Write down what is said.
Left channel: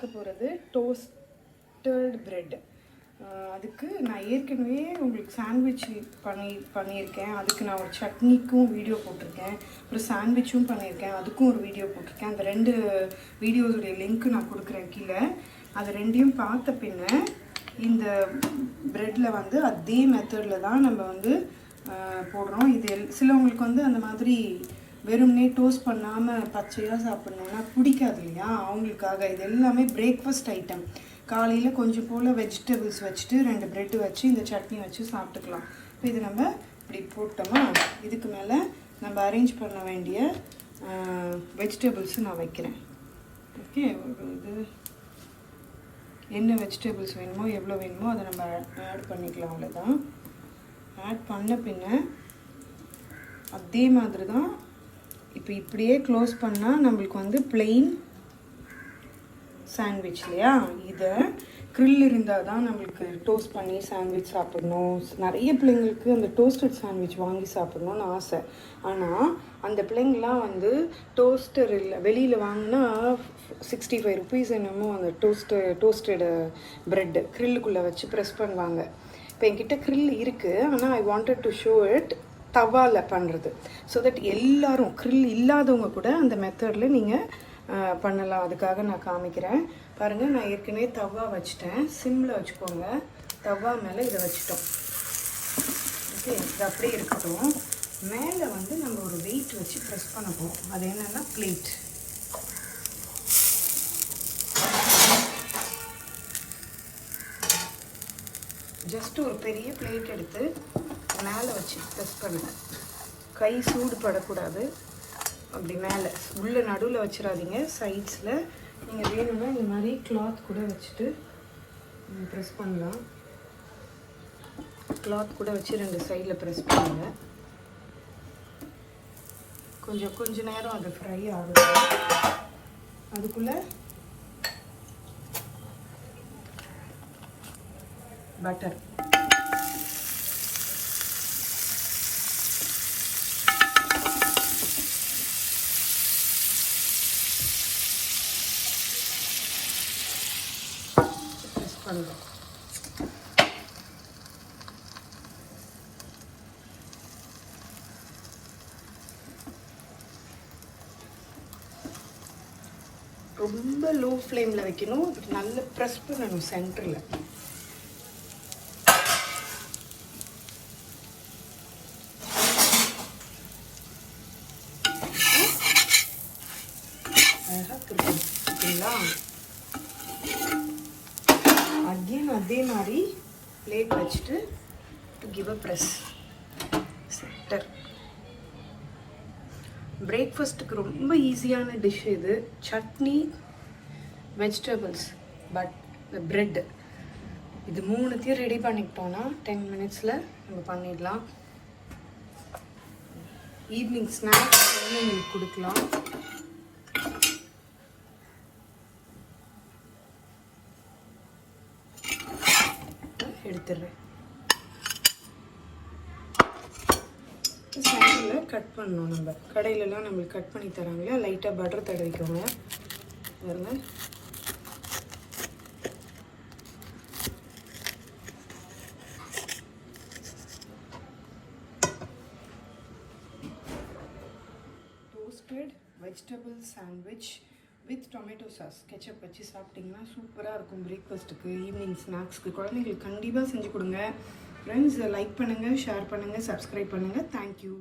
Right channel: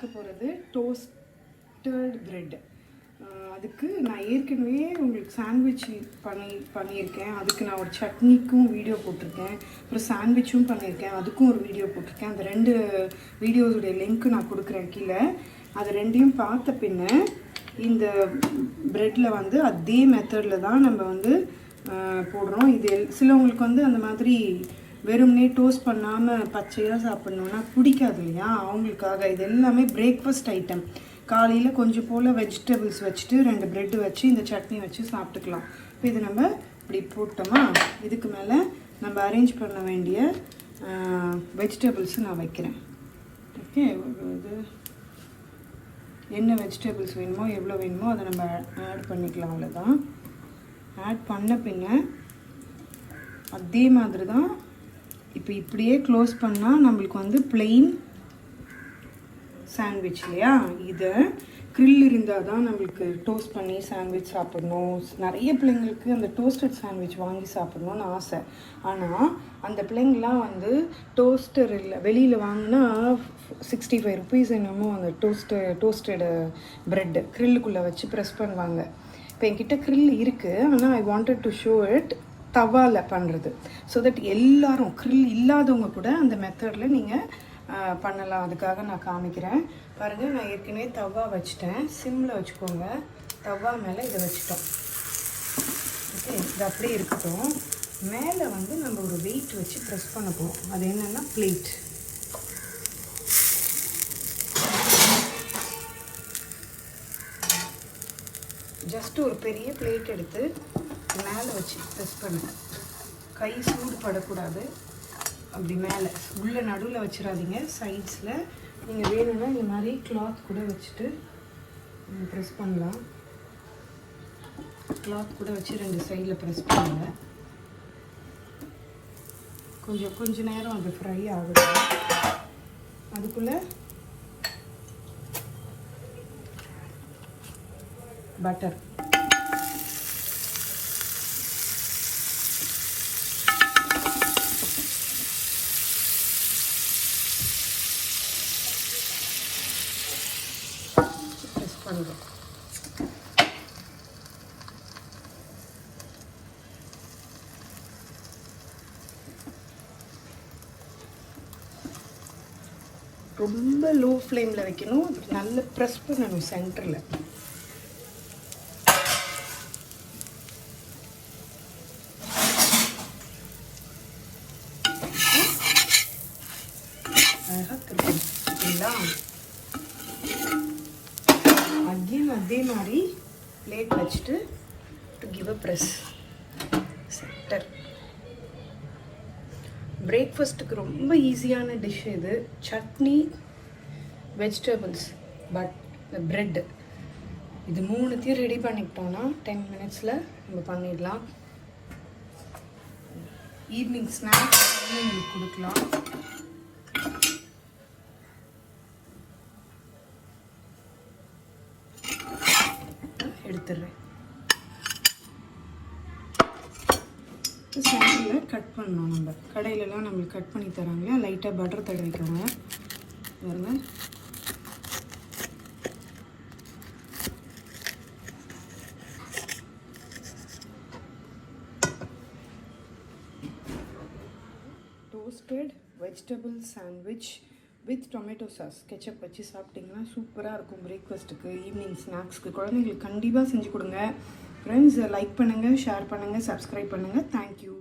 பார்க்க போகிறது tossed bread. அதுக்கு நான் ஏற்கனவே உங்களுக்கு சாண்ட்விச் பண்ணியிருக்கேன். அதுக்கு நான் ஒரு சட்னிக்கும் வீடியோ போட்டிருக்கேன், அப்புறம் சாண்ட்விச்சும் பண்ணியிருக்கேன், அதுக்கும் ஒரு வீடியோ போட்டிருக்கேன். அந்த 2 வீடியோஸுடைய லிங்க்கு நான் கொடுக்குறேன் கீழே. அது 2யும் பார்த்த பின்ன இந்த ப்ரெட்டில் வந்து அதே மெத்தடில் தான் நம்ம வந்து போடுறோம். இது சிலவங்களுக்கு வந்து அந்த மாதிரி வெறும்னே டோஸ்ட் பண்ணாமல் பச்சையாக சாப்பிட்ணுன்னா பிடிக்காது இல்லையா, அவங்களுக்காக இது எல்லாமே பிரேக்ஃபாஸ்ட் ஐட்டம். காலையில் கொஞ்சம் போல் வெஜிடபிள்ஸ் வச்சுட்டு 2 ப்ரெட்டு வச்சு இந்த சட்னி வச்சு சாப்பிட்டுக்கலாம். இப்போ இது நம்ம இப்படி போட்டோமா, இதுக்கு மேலே நம்ம அரேஞ்ச் பண்ண வேண்டிய வெஜிடபிள்ஸு நான் வைக்கிறேன். ஓகே, இது என்ன வெஜிடபிள்ஸ் வேணுமோ எவ்வளோ வேணுமோ அதை நம்ம ஆட் பண்ணிக்கலாம். அவ்வளோதான். ஆட் பண்ண பின்ன அதே மாதிரி தான் இப்போ இப்படியே க்ளோஸ் பண்ணால் நம்மளுக்கு வந்து பிளெயின் சாண்ட்விச் இல்லையா. இதை க்ரில் இருந்தால் தான் நம்மளுக்கு டோஸ்ட் பண்ணி சாண்ட்விச் சாப்பிடணும். நிறைய பிள்ளைங்களுக்கு அந்த டோஸ்டட் சாண்ட்விச் வாங்கி சாப்பிடணும்னு ஆசை. ஆனால் அந்த பிள்ளைங்களாம் வந்து டோஸ்டர் இல்லை, வெளியில் வாங்கினா 65 rupees என்னமோ அந்த டோஸ்டட் ப்ரெட்டு க்ரில்லுக்குள்ளே வச்சு ப்ரெஸ் பண்ணுவாங்க. இப்போ என்கிட்ட க்ரில் இருக்குது, ஆனால் I wanted to show it தவாவில் பண்ணுறது. ஸோ தட் எல்லாரும் க்ரில் இல்லாதவங்க கூட அந்த மெத்தடில் நீங்கள் பண்ணலாம். அதுக்காக நான் காமிக்கிறேன் பாருங்கள். நான் ஏற்கனவே தவா வச்சுட்டேன், சிம்மில் வச்சுக்கோங்க. தவா மேலே இதை வச்சுட்டோம். ஓகே, இது அப்படியே இருக்கட்டும். மேலே வந்து நம்ம ஒரு வெயிட் வச்சு ப்ரெஸ் பண்ண போகிறோம். அது என்னென்னா பிளேட். ஜஸ்ட் ஒரு பெரிய பிளேட் எடுத்து மேலே வச்சு ப்ரெஸ் பண்ணுங்க. கை சூடு படக்கூடாது. அப்படி மேலே உள்ள நடுவில் வச்சிடாதீங்க, சைட்ஸில். நீங்கள் வேணும்னா இந்த மாதிரி கிளாத் கூட வச்சுட்டு ப்ரெஸ் பண்ணலாம். கிளாத் கூட வச்சு 2 சைடில் ப்ரெஸ் பண்ணுங்க. கொஞ்ச நேரம் அது ஃப்ரை ஆகுது. அதுக்குள்ளே பட்டர் பண்ணுறோம். ரொம்ப லோ ஃப்ளேமில் வைக்கணும். நல்லா ப்ரெஸ் பண்ணணும் சென்டரில். அதே மாதிரி பிளேட் வச்சுட்டு to give a press centre. பிரேக்ஃபாஸ்ட்டுக்கு ரொம்ப ஈஸியான டிஷ் இது. சட்னி, வெஜிடபிள்ஸ், பட் இந்த ப்ரெட், இது 3த்தையும் ரெடி பண்ணிக்கிட்டோன்னா 10 minutesல நம்ம பண்ணிடலாம். ஈவினிங் ஸ்நாக்ஸ் உங்களுக்கு கொடுக்கலாம். எடுத்துடுறேன். சைடில் கட் பண்ணணும். நம்ம கடையிலலாம் நம்மளுக்கு கட் பண்ணி தராங்களா, லைட்டாக பட்டர் தடவிக்கோங்க. பாருங்க, tossed vegetable sandwich with tomato sauce ketchup வச்சு சாப்பிட்டிங்கன்னா சூப்பராக இருக்கும். பிரேக்ஃபாஸ்ட்டுக்கு, ஈவினிங் ஸ்நாக்ஸ்க்கு குழந்தைங்களுக்கு கண்டிப்பாக செஞ்சு கொடுங்க. ஃப்ரெண்ட்ஸ், லைக் பண்ணுங்கள், ஷேர் பண்ணுங்கள், சப்ஸ்கிரைப் பண்ணுங்கள். தேங்க்யூ.